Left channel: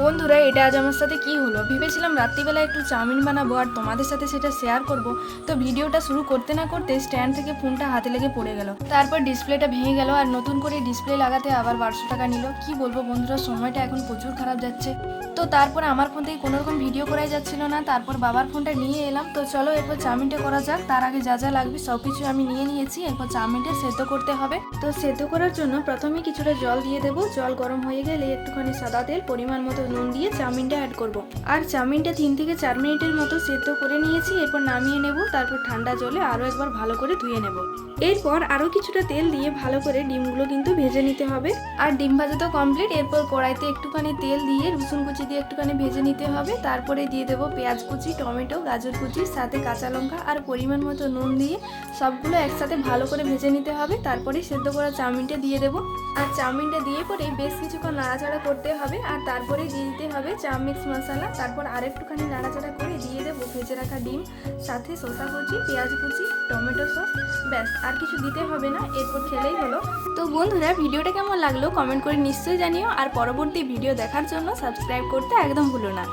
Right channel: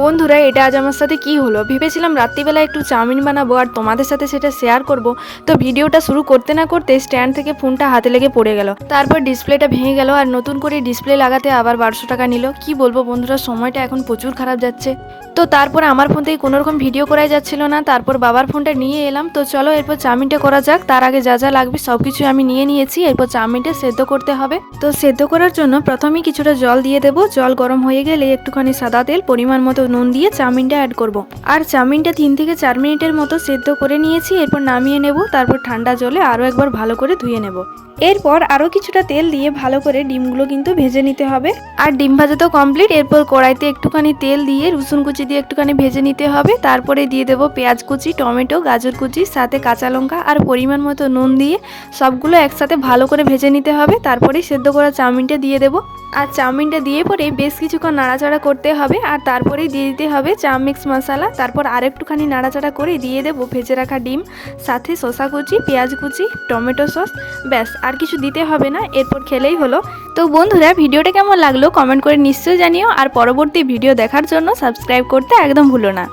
বন্ধুরা, এটা আজ আমার সাথে কি হলো, ভেবেছিলাম রাত্রিবেলা একটু চাউমিন বানাবো আর তোমাদের সাথে সেটা শেয়ার করব। তো ভিডিওটা শুরু করতে না করতে স্ট্যান্ড থেকে ফোনটা হাতে লেগে পড়ে গেল, তারপর ডিসপ্লেটা ভেঙে গেল আর নতুন করে ডিসপ্লে লাগাতে আবার 1200 টাকা নিল। কি বলবো বন্ধুরা, সময়টা এখন প্রচুর খারাপ যাচ্ছে। তো তারপর আমার ফোন থেকে কোনোরকম ভিডিও করাই যাচ্ছিল না, তারপর বাবার ফোনটা নিয়ে এলাম। তো চলো এরপর চাউমিনটা করা যাক। তার আগে যা যা লাগবে সবকিছু আমি নিয়ে নিয়েছি। এরপর চাউমিনটা সেদ্ধ করতে হবে। তো সেদ্ধ করার জন্য প্রথমেই কিছুটা জল দিয়ে দেবো। জল গরম হয়ে গেলে একটুখানি সাদা তেল, পরিমাণ মতো নুন দিয়ে চাউমিনটা অ্যাড করব। আর চাউমিনটা 3 থেকে 4 মিনিটের মতো সেদ্ধ করে নিয়েছি। এরপর নামিয়ে নেব। তারপর ঠান্ডা জলে আরও একবার ভালো করে ধুয়ে নেব। এরপর আরও কিছুটা তেল দিয়ে ভালো করে ডিমগুলো কিন্তু ভেজে নিতে হবে। আর ডিম ভাজা তো কমপ্লিট। এরপর কড়াইতে একটুখানি তেল দিয়ে রসুন কুচি দিয়ে একটুখানি ভেজে নিতে হবে। তারপরে দিয়ে দেবো পেঁয়াজ কুচি, টমেটো, গাজর কুচি, সাথে কাঁচা লঙ্কা আর পরিমাণ মতো নুন দিয়ে সবগুলো একসাথে ভালো করে ভেজে নিতে হবে। তারপরে সেদ্ধ করা চাউমিনটা দিয়ে দেবো। আর চাউমিনটা দিয়ে পরে বেশ কিছুক্ষণ নাড়াচাড়া করতে হবে। আর তারপরে দিয়ে দিতে হবে চাউ মিক্স মশলা। তারপর আরেকটুখানি নাড়াচাড়া করে দিয়ে দেবো ভেজে রাখা ডিম, সাথে শসা কুচি, পেঁয়াজ কুচি, টমেটো সস। ব্যাস, আর কিছু দিতে হবে না। এরপর খেলেই হলো। তো বন্ধুরা, ভিডিওটা কেমন লাগলো কমেন্ট করে নিশ্চয়ই জানিও। আর পরবর্তী ভিডিও দেখার জন্য সাবস্ক্রাইব করতে একদম ভুলো না।